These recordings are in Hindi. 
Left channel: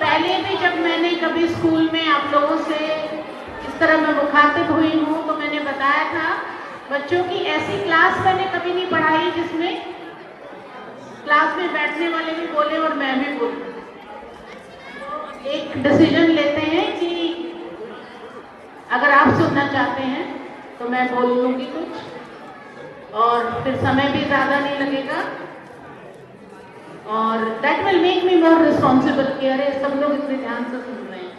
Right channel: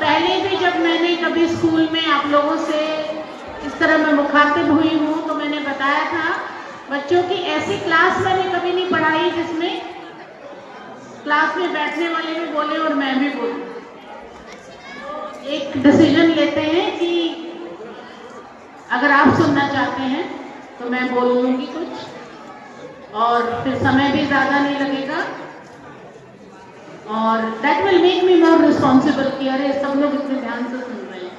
पहले भी जब मैंने कभी स्कूल में आप लोगों से इस तरह मैं मुखातिब हुई हूँ तो मैंने बताया था बच्चों की ऐसी क्लास मैंने कभी नहीं पढ़ाई जिसमें क्लास में बैठने वाले भी बोले और मैं भी बोलूं। एक डिसीजन लेते हैं कि अगर आप सुनना चाहते हैं तो मैं बोलूंगी कुछ और फिर समय भी ज्यादा नहीं लगेगा और that will make me more responsible कि अरे सब लोग इतने ध्यान से सुन रहे हैं।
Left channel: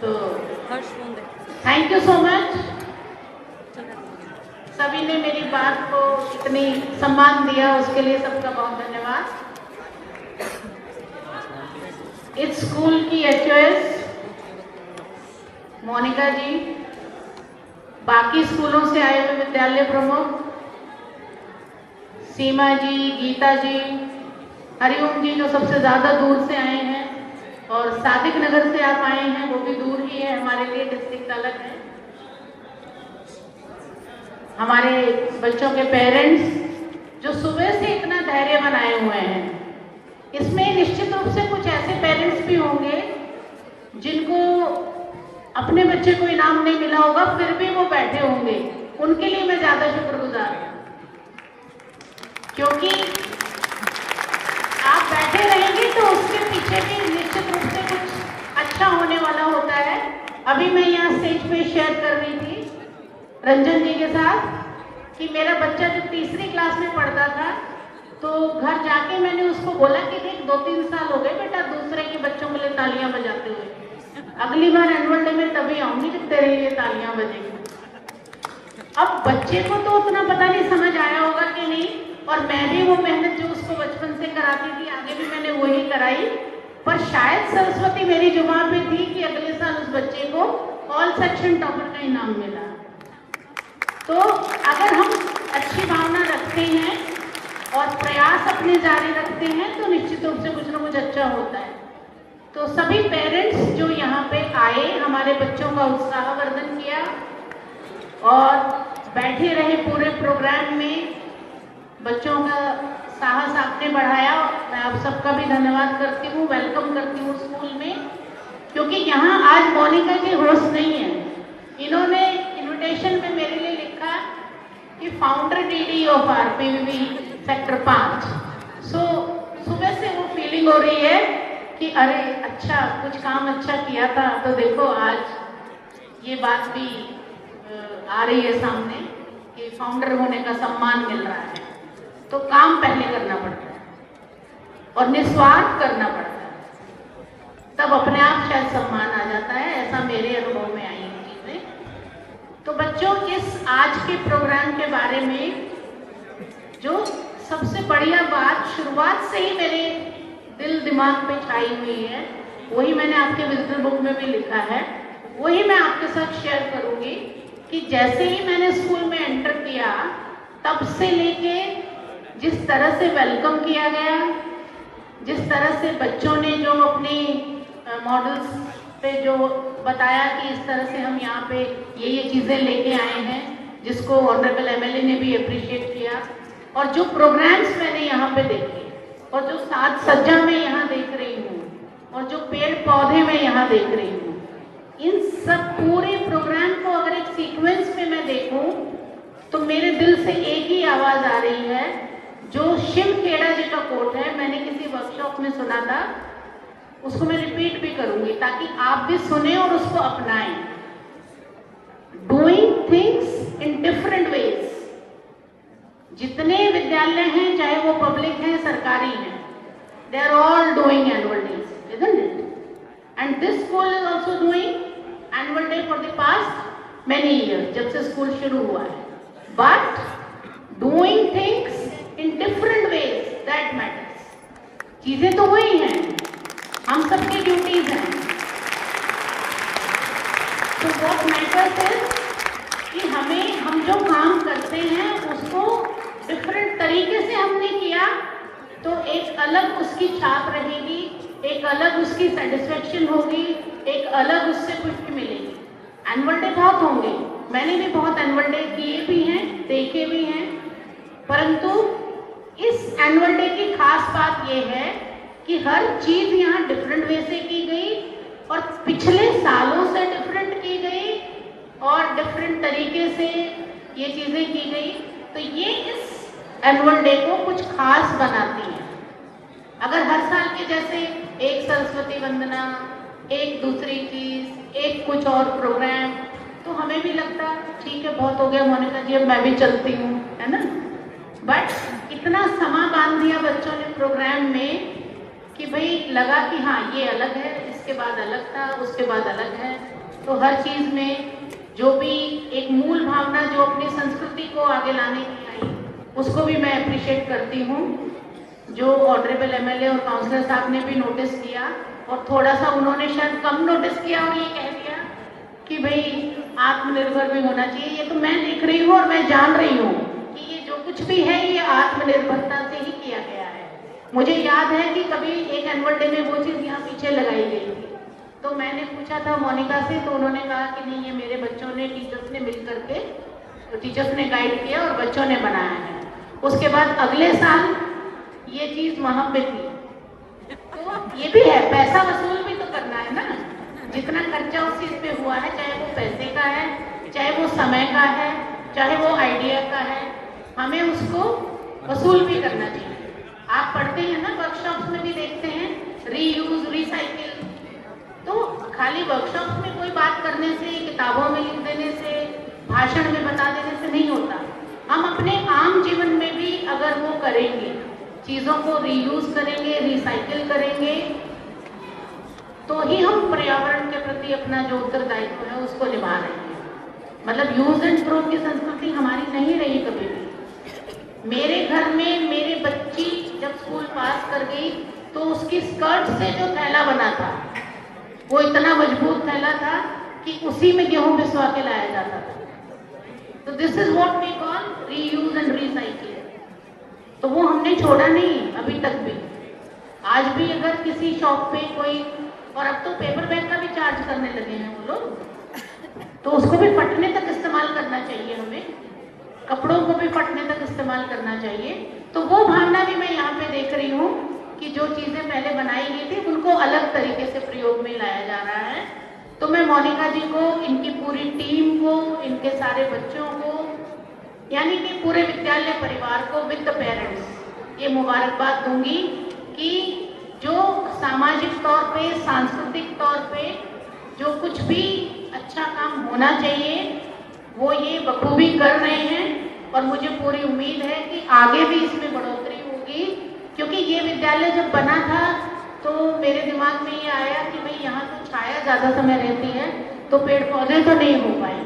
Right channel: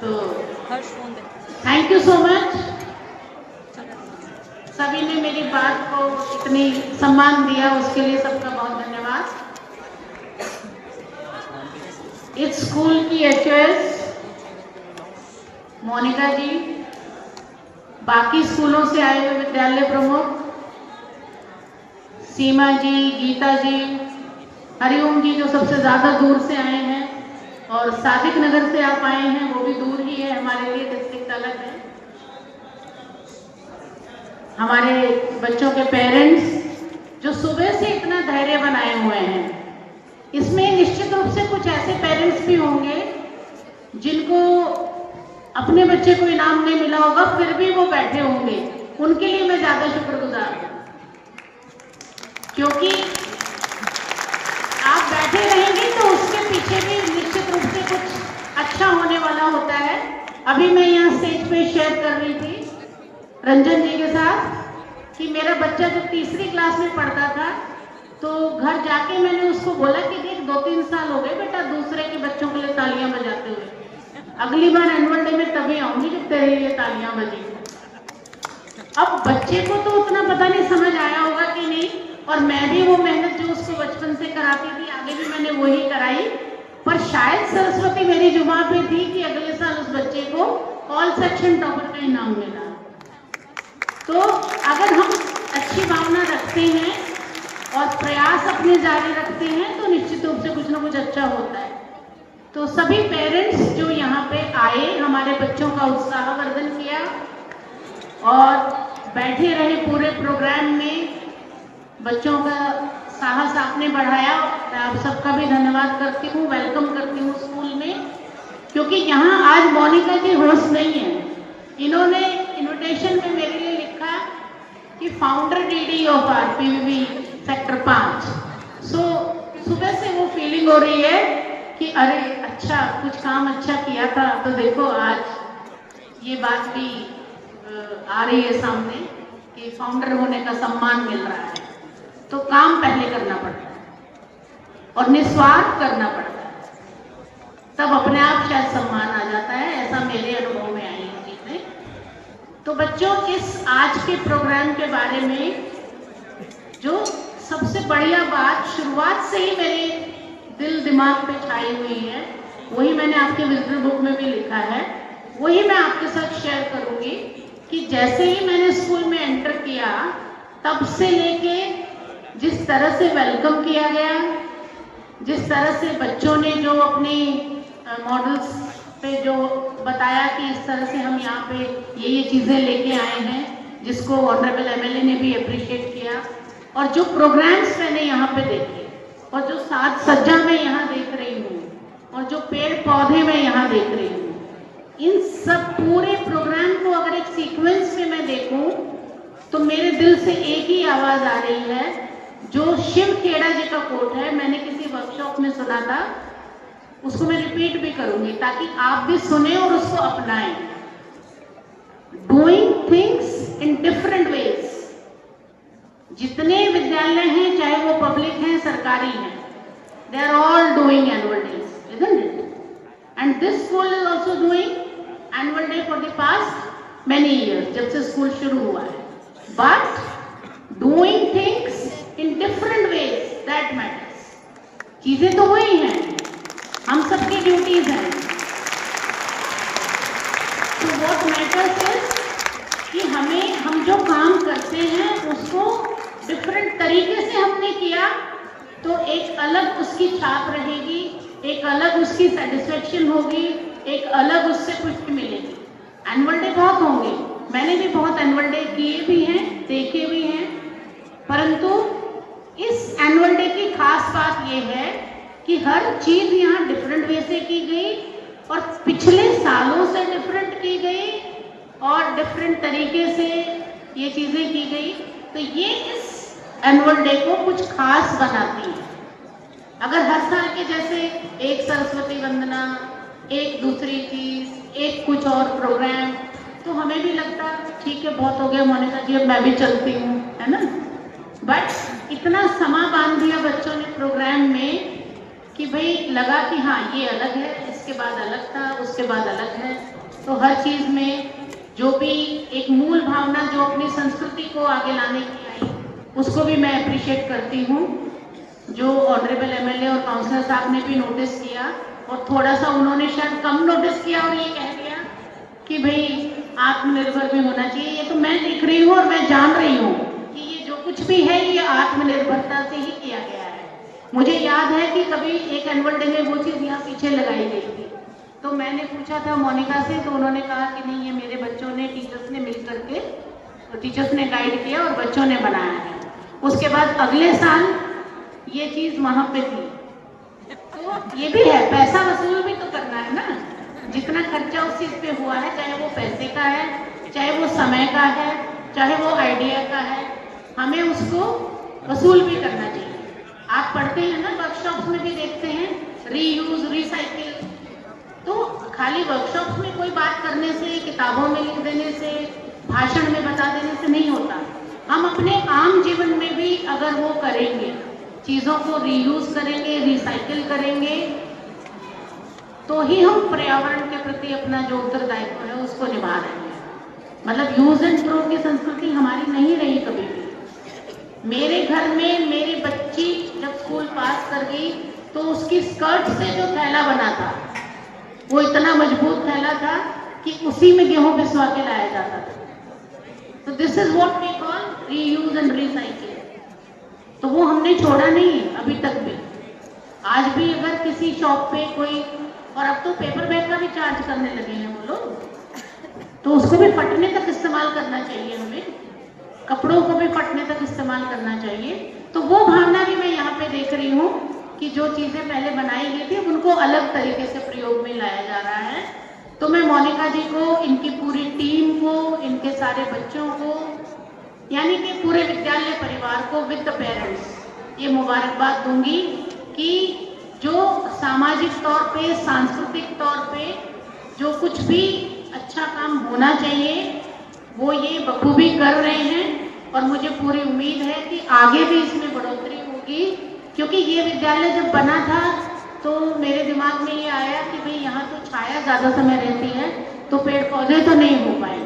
तो थैंक यू सो मच, सभी ने मेरी बात को इतनी सम्मान दिया उसके लिए सबका बहुत धन्यवाद। इस स्कूल की एचओएस मोनिका जी, बाकी स्कूलों से आए हुए विद्यालय प्रमुख सीमा जी, गीता जी, हरिओम जी जो सबसे ज्यादा दूर से आए हैं और सादिक नगर से आप आए हैं, वो भी दूर ही है हमारे लिए, डिस्ट्रिक्ट अलग है। हमारे बच्चों के पेरेंट्स जो सुबह से इतना धैर्य बनाए हुए हैं, इसमें निश्चित रूप से कुछ ऐसे पेरेंट्स भी होंगे जिनको अपने बच्चे को इनाम नहीं मिला होगा फिर भी वो बैठे होंगे, उनके लिए मैं ज्यादा शुक्रगुजार हूं क्योंकि आप बैठे रहेंगे तो उसके पीछे भी निश्चित रूप से कुछ अच्छा होने वाला होता है। अभी मैं यहाँ स्टेज पे शेयर कर रही थी रंजन जी के साथ कि मेरा बच्चा जब तीसरी क्लास में पढ़ता था तो घर जाके मैंने उसको बोला कि देख 2-3 साल हो गए बेटा दूसरे के बच्चों के लिए तालियां बजाते हुए, अगली बार एनुअल डे में तभी आऊंगी जब तेरे लिए तालियां बजेंगी। अब बच्चे को तो उतना पता नहीं समझ आया होगा कि नहीं, और मैं भी वो मेहनत जो उसको बचपन से कराती थी आगे भी मैंने वही कराई, पर शायद सरस्वती मेरी जुबान पे थी कि अगले साल उस बच्चे को ऑल सेक्शन टॉपर का इनाम मिला। तो अगर हम अच्छी भावना रखते हैं और प्रयास अपने जारी रखते हैं तो निश्चित रूप से कुछ ना कुछ अच्छा होता है। तो सभी पेरेंट्स जो यहाँ पे आए, हमारे बच्चों का उत्साहवर्धन किया और बैठे रहे पूरे प्रोग्राम में, बच्चों का साहस आपने बढ़ाया, मैं आप सबका भी धन्यवाद करती हूँ, वेलकम करती हूँ स्कूल में, क्योंकि यहाँ आज मोनिका जी होस्ट नहीं है। इन्होंने इन्विटेशन में मेरे लिए लिखा कि फाउंडर डीडी ऑफ आरपीवी सेक्टर 5। सो सुबह से वो फीलिंग हो रही है कि अरे अच्छा कुछ काम अच्छा किया था, तो देखो आज ये बात भी आ रही है सामने कि फाउंडर होने का सम्मान मिल रहा है। तो काम पहले करना पड़ता है और निस्वार्थ करना पड़ता है, तब अपने आप शायद सम्मान आ जाता है, ऐसा मेरे अनुभव में आई है चीजें। तो बच्चों इस आज के प्रोग्राम के बारे में जो सबसे बढ़िया बात शुरुआत से ही मेरे दिल दिमाग पे छाई हुई है, वही मैंने आपके विजडम बुक में भी लिखा है, वही मैं आपके साथ शेयर करूंगी कि जैसे ही मैंने स्कूल में एंटर किया तब से लेके जिस तरह से वेलकम किया गया, जिस तरह से बच्चों ने जो अपने मॉडल्स पे जो बताया कि इस तरह से हम यहाँ पे ये चीजें लेके आए हैं, जिसको ऑनरेबल एमएलए ने भी अप्रिशिएट किया, और जो प्रोग्राम्स मैंने यहाँ पे देखे और जो साज सज्जा मैं यहाँ देख रही हूँ और जो पेड़ पौधे मैं यहाँ देख रही हूँ, इन सब पूरे प्रोग्राम को अगर एक सीक्वेंस में मैं देखूं तो मेरे दिल से एक ही आवाज आ रही है जो शिव खेड़ा जी का कोट है, मैंने किसी वर्कशॉप में सुना था, उसको मैं रिपीट भी करूंगी ताकि आप भी सुने और उसको अपनाएं। Doing things in different ways. जितने विद्यालय हैं, चाहे वो पब्लिक हैं, सरकारी हैं, they are all doing annual days, isn't it? And this school is also doing annual day for the past many years, जब से स्कूल शुरू हुआ है। But doing things in different ways, that matters. चीजें तो वही हैं, हम सबकी ड्यूटीज हैं। तो व्हाट मैटर्स इज कि हम जो काम करते हैं उसको डिफरेंट तरीके से हमने किया तो एक अलग उसकी छाप रहेगी, एक अलग उसकी सेटिस्फेक्शन होगी, एक अलग उससे पुष्टि मिलेगी। एनुअल डे बहुत होंगे, मैंने भी बहुत एनुअल डे किए भी हैं, देखे भी हैं, परंतु इस एनुअल डे की खास बात यह है कि हर चीज यहाँ डिफरेंट वे से डिफरेंट तरीके से ये चीजें की गई, तो ये इस एनुअल डे को कुछ खास बनाती है। अगर हर साल के जैसे एक सरस्वती वंदना, एक दूसरी चीज, एक कुछ और प्रोग्राम, तो हमें भी लगता है ठीक है बहुत हो गया मोनिका जी, अब मैं भी चलती हूँ, है ना। बट इतना समा बांध दिया बच्चों ने प्रोग्राम में कि भाई लगा कि हाँ ये अलग है, इसके बाद अलग था, उसके बाद अलग है। तो हर चीज में जो भी एक मूल भावना जो अपनी संस्कृति को आगे लाने की आई, उसको भी मैं अप्रिशिएट करती हूँ। जो ऑनरेबल एमएलए और काउंसलर साहब ने भी नोटिस किया, और थोड़ा सा उन्होंने शायद कम नोटिस किया और ये कह दिया कि भाई आत्मनिर्भर भी होना चाहिए। ये तो मैं देख रही हूँ और मैं जान रही हूँ कि ये जो कुछ भी है ये आत्मनिर्भरता से ही किया गया है। मुझे याद है कि कभी एक एनुअल डे में वो चीज यहाँ पीछे लगाई गई थी, तो मैंने पूछा था मोनिका से, तो उन्होंने कहा कि नहीं ये मेरे बच्चों ने, टीचर्स ने मिल करके, तो टीचर्स ने गाइड किया और बच्चों ने बनाया है। उसके बाद अगले साल ये चीज वहां पे थी। तो ये भी है, पैसा वसूल भी तो करना है ना। जितना खर्चा उस चीज पे हुआ है, चाहे वो पैसे का है, चाहे वो समय का है, चाहे वो आइडिया का है, हमें उसको वसूल भी करना चाहिए। आप पढ़ते हैं ना, वर्कशॉप्स में भी देखते हैं रीयूज, रिसाइकिल। तो खाली वर्कशॉप्स में कोई बात करने से, किताबों में लिख देने से, भाषण में बता देने से नहीं होता। हम अपने आम जीवन में भी अगर वो करेंगे, चीजों को रीयूज करेंगे, रिसाइकिल करेंगे, तो ही हम पर्यावरण के प्रति अपना जो उत्तरदायित्व है उसको निभा रहे हैं। मतलब यूज एंड थ्रो की संस्कृति हमारी नहीं रही कभी भी। मेरे घर में मेरी बच्ची जब स्कूल पास कर गई, तो उसकी स्कर्ट से जो थैला बना था वो इतना मजबूत थैला था कि उसी में गेहूं पिसवा के लाया जाता था। तो this is what we call reuse and recycle. तो वो हमने छोड़ा नहीं अभी तक भी। आज भी अगर किसी शॉप पे कोई, और अब तो पेपर बैग का भी चार्ज करने लगे हैं वो लोग, तो उसको भी फटने तक इस्तेमाल करना चाहिए हमें, कपड़ों को भी फटने तक इस्तेमाल करना चाहिए। तो वो भावना भी मैं यहाँ पे देख रही हूँ कि जो चीजें पहले बनाई गई थी उनको अलग तरीके से प्रयोग में लाया जा रहा है। तो मैं मोनिका जी को, इनकी पूरी टीम को, इनके सारे बच्चों को, यानी कि पूरे विद्यालय परिवार को विद द पेरेंट्स ये मुबारकबाद दूंगी कि जो सामाजिक तौर पे, सांस्कृतिक तौर पे जो कुछ भी अच्छा काम होना चाहिए वो ये बखूबी कर रहे हैं। और मुझे पूरी उम्मीद है कि आगे भी इसमें बढ़ोतरी होगी, क्योंकि ये विद्यालय जब बना था तो मेरे दिमाग में ये आया कि भाई यहाँ तो छाया ज्यादा समय रहती है, तो पेड़ पौधे तो नहीं हो पाएंगे,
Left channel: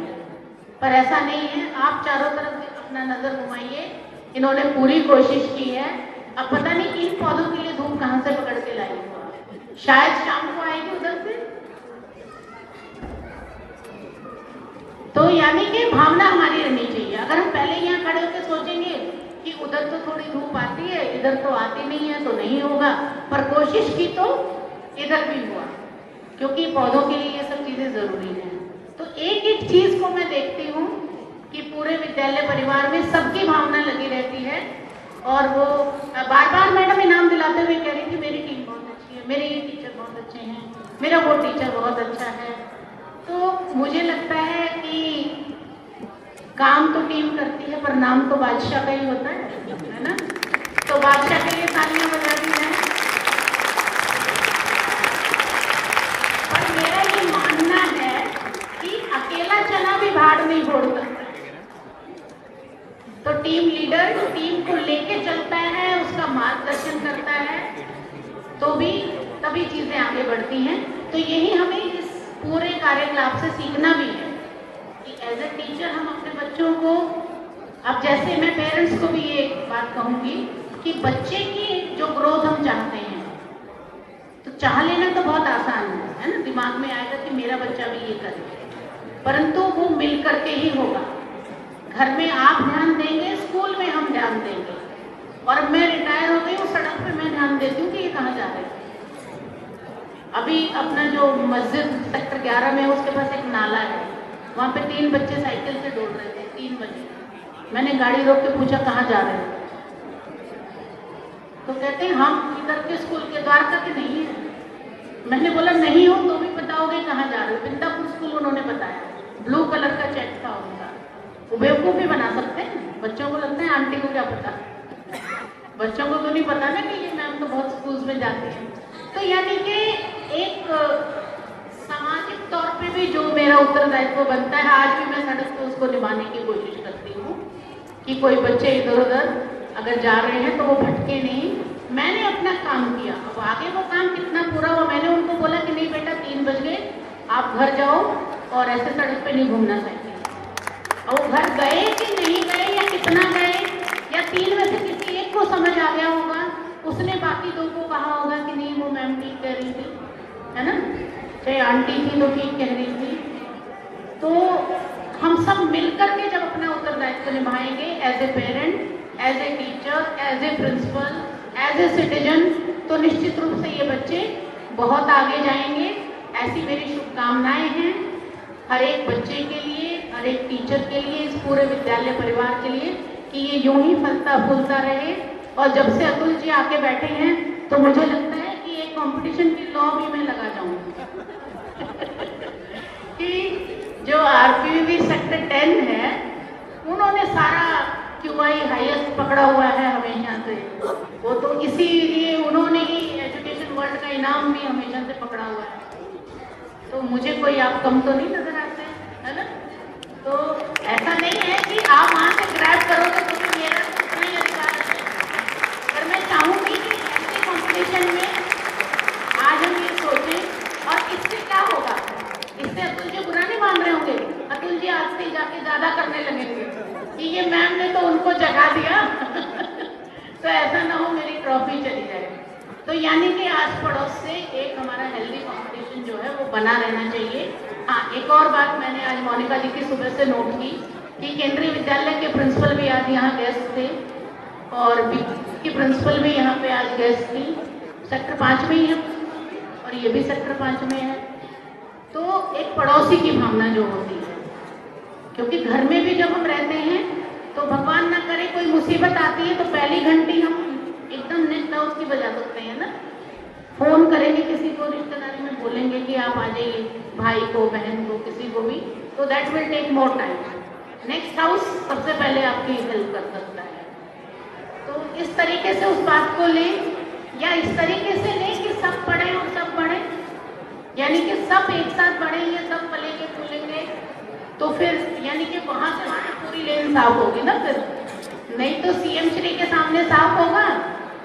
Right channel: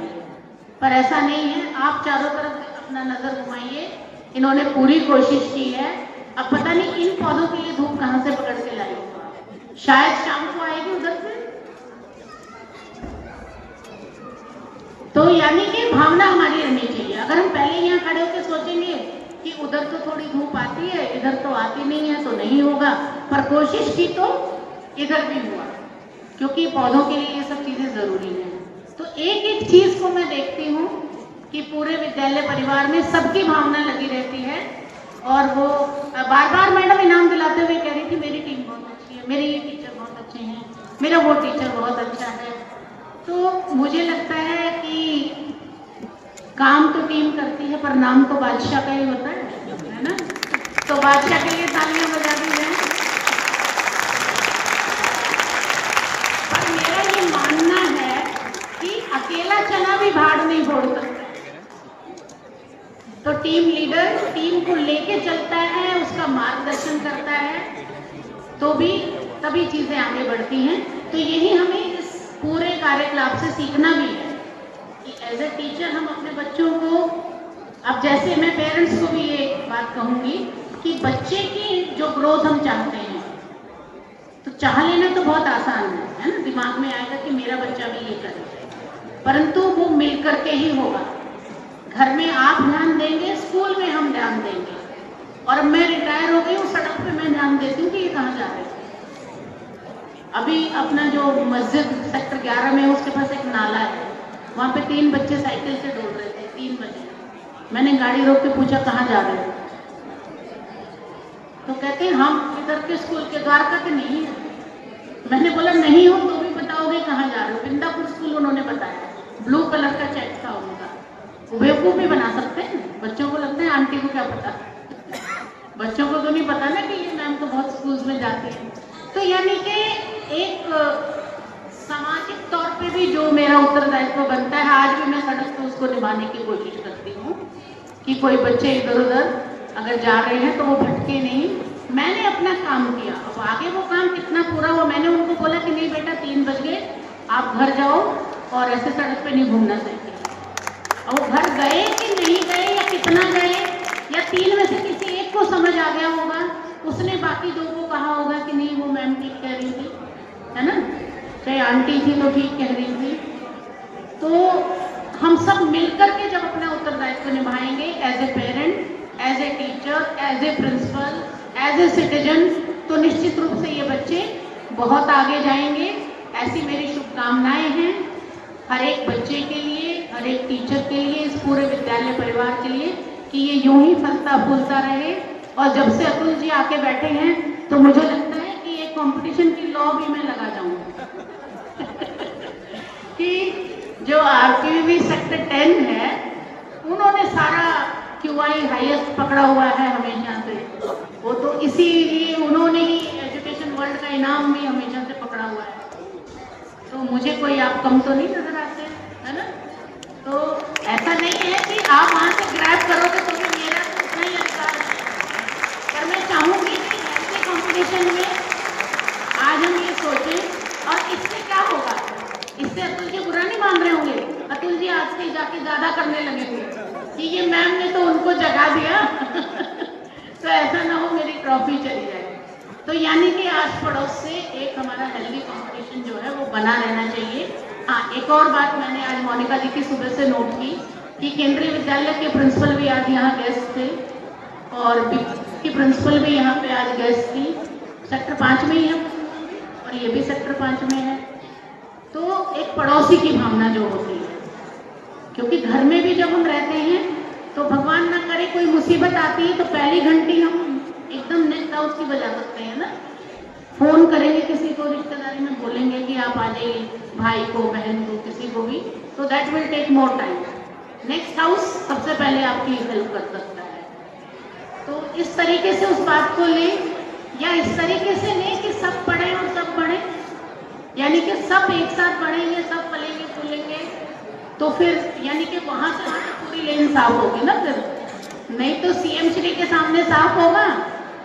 पर ऐसा नहीं है। आप चारों तरफ अपना नजर घुमाइए, इन्होंने पूरी कोशिश की है। अब पता नहीं इन पौधों के लिए धूप कहाँ से पकड़ के लाए, शायद शाम को आएगी उधर से। तो यानी कि भावना हमारी रहनी चाहिए। अगर हम पहले यहाँ खड़े होकर सोचेंगे कि उधर तो थोड़ी धूप आती है, इधर तो आती नहीं है, तो नहीं होगा, पर कोशिश की तो इधर भी होगा, क्योंकि पौधों के लिए ये सब चीजें जरूरी है। तो एक एक चीज को मैं देखती हूँ कि पूरे विद्यालय परिवार में सबकी भावना लगी रहती है। और वो बार बार मैडम इनाम दिलाते हुए कह रही थी मेरी टीम बहुत अच्छी है, मेरे ये टीचर बहुत अच्छे हैं, मेरा वो टीचर बहुत अच्छा है। तो मुझे लगता है कि काम तो टीम करती है, पर नाम तो बादशाह का ही होता है ना। तो बादशाह के लिए तालियां बजा दी है। और मेरा ये मानना है कि अकेला चना भी भाड़ नहीं फोड़ सकता। तो टीम लीडर टीम को लेके चलता है, उसका मार्गदर्शन करता है, तो भी तभी चीजें आगे बढ़ती हैं। तो यही हमें इस पूरे कार्यकलाप से सीखना भी है कि एज ए टीचर हम अपने बच्चों को, अब जैसे मैं पेरेंट्स को भी ये बात कहूंगी कि बच्चे की जो ग्रोथ हम चाहते हैं, तो चाह लेना तो बहुत आसान है ना, दिमाग में आएगा कि मेरा बच्चा भी ये करे, परंतु वो मिल करके ही होगा। घर में आप ध्यान देंगे, स्कूल में हम ध्यान देंगे। और मैं रिटायर हो गई, सड़क पे मैं ध्यान देती हूँ कि ये कहाँ जा रहे हैं। अभी अपना जो मस्जिद सेक्टर 11 में उसके पास एक नाला है, वहाँ पे 3 बच्चे साइकिल से दौड़ रहे थे, 3 बच्चे। मैंने गाड़ी रोक के पूछा कहाँ जा रहे हैं, तो कहते हैं हम इधर के स्कूल के द्वारका के नहीं है। मैंने बोला नहीं हो तो भी बताओगे कहाँ जा रहे हो, बिंदापुर स्कूल उन्होंने बताया। ब्लू कलर का चेक था उनका। बेवकूफ भी बना सकते हैं, बच्चों को लगता है आंटी को क्या पता, बच्चों को तो नहीं पता ना कि ये मैम तो बहुत स्कूल्स में जाती है। तो यानी कि एक सामाजिक तौर पे भी जो मेरा उत्तरदायित्व बनता है, आज भी मैं सड़क पर उसको निभाने की कोशिश करती हूँ कि कोई बच्चे इधर उधर अगर जा रहे हैं तो वो भटके नहीं। मैंने अपना काम किया, अब आगे वो काम कितना पूरा हो, मैंने उनको बोला कि नहीं बेटा 3 बज गए, आप घर जाओ और ऐसे सड़क पे नहीं घूमना चाहिए। और घर गए कि नहीं गए या कितना गए, या 3 में से किसी एक को समझ आ गया होगा, उसने बाकी 2 को कहा होगा कि नहीं वो मैम ठीक कह रही थी, है ना, चाहे आंटी थी तो ठीक कह रही थी। तो हम सब मिलकर के जब अपना उत्तरदायित्व निभाएंगे as a parent, as a teacher, as a principal, as a citizen, तो निश्चित रूप से ये बच्चे बहुत आगे जाएंगे। ऐसी मेरी शुभकामनाएं हैं हर एक बच्चे के लिए, हर एक टीचर के लिए, इस पूरे विद्यालय परिवार के लिए, कि ये यूं ही फलता फूलता रहे। और जब से अतुल जी आके बैठे हैं तो मुझे लगता है कि एक कंपटीशन की लॉ भी मैं लगा जाऊंगी कि जो आरपीवी सेक्टर 10 है उन्होंने सारा QI हाईएस्ट पकड़ा हुआ है हमेशा से, वो तो इसीलिए उन्होंने ही एजुकेशन वर्ल्ड का इनाम भी हमेशा से पकड़ा हुआ है। तो मुझे कोई आप कम तो नहीं नजर आते हैं, है ना। तो ऐसा नहीं है कि आप वहां से ग्रैब करोगे तो मेरा उतना ही अधिकार है। और मैं चाहूंगी कि ऐसे कॉम्पिटिशन में आज हम ये सोचें, और इससे क्या होगा, इससे अतुल जी बुरा नहीं मान रहे होंगे, अतुल जी आज से जाके ज्यादा करने लगेंगे कि ये मैम ने तो उनको जगा दिया तो ऐसा ना हो मेरी ट्रॉफी चली जाए। तो यानी कि आस पड़ोस से एक हमारा हेल्दी कॉम्पिटिशन जो है वो बना रहना चाहिए। हाँ, एक और बात मैंने आज मोनिका जी की सुबह से नोट की कि केंद्रीय विद्यालय के प्रिंसिपल भी आज यहाँ गेस्ट थे और की प्रिंसिपल भी यहाँ पे आज गेस्ट थी। सेक्टर 5 में ही है और ये भी सेक्टर 5 में है। तो एक पड़ोसी की भावना जो होती है, क्योंकि घर में भी जब हम रहते हैं तो भगवान ना करे कोई मुसीबत आती है तो पहली घंटी हम एकदम नेट डाउट की बजा सकते हैं ना, फोन करेंगे किसी को, रिश्तेदारी में बोलेंगे कि आप आ जाइए, भाई को, बहन को, किसी को भी, तो that will take more time. Next house सबसे पहले आपकी हेल्प कर सकता है। तो इस तरीके से उस बात को ले, या इस तरीके से ले कि सब पढ़े और सब पढ़े, यानी कि सब एक साथ पढ़ेंगे, सब पलेंगे फूलेंगे, तो फिर यानी कि वहां से पूरी लेन साफ होगी ना। फिर नहीं तो CM श्री के सामने साफ होगा,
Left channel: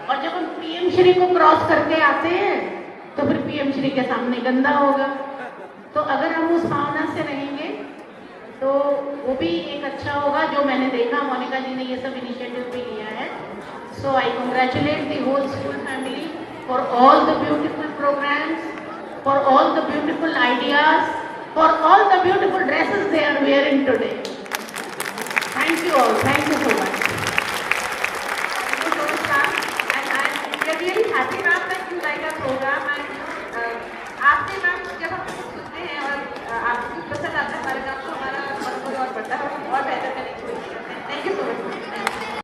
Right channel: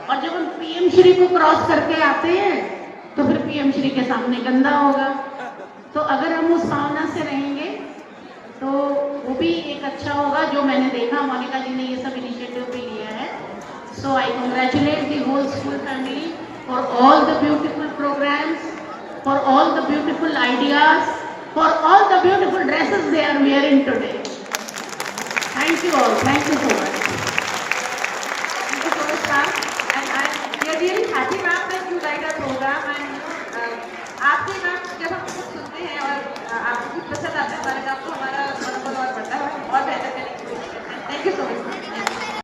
और जब हम PM श्री को क्रॉस करके आते हैं तो फिर PM श्री के सामने गंदा होगा। तो अगर हम उस भावना से रहेंगे तो वो भी एक अच्छा होगा। जो मैंने देखा मोनिका जी ने ये सब इनिशिएटिव भी लिया है, so I congratulate the whole school family for all the beautiful programmes, for all the beautiful ideas, for all the beautiful dress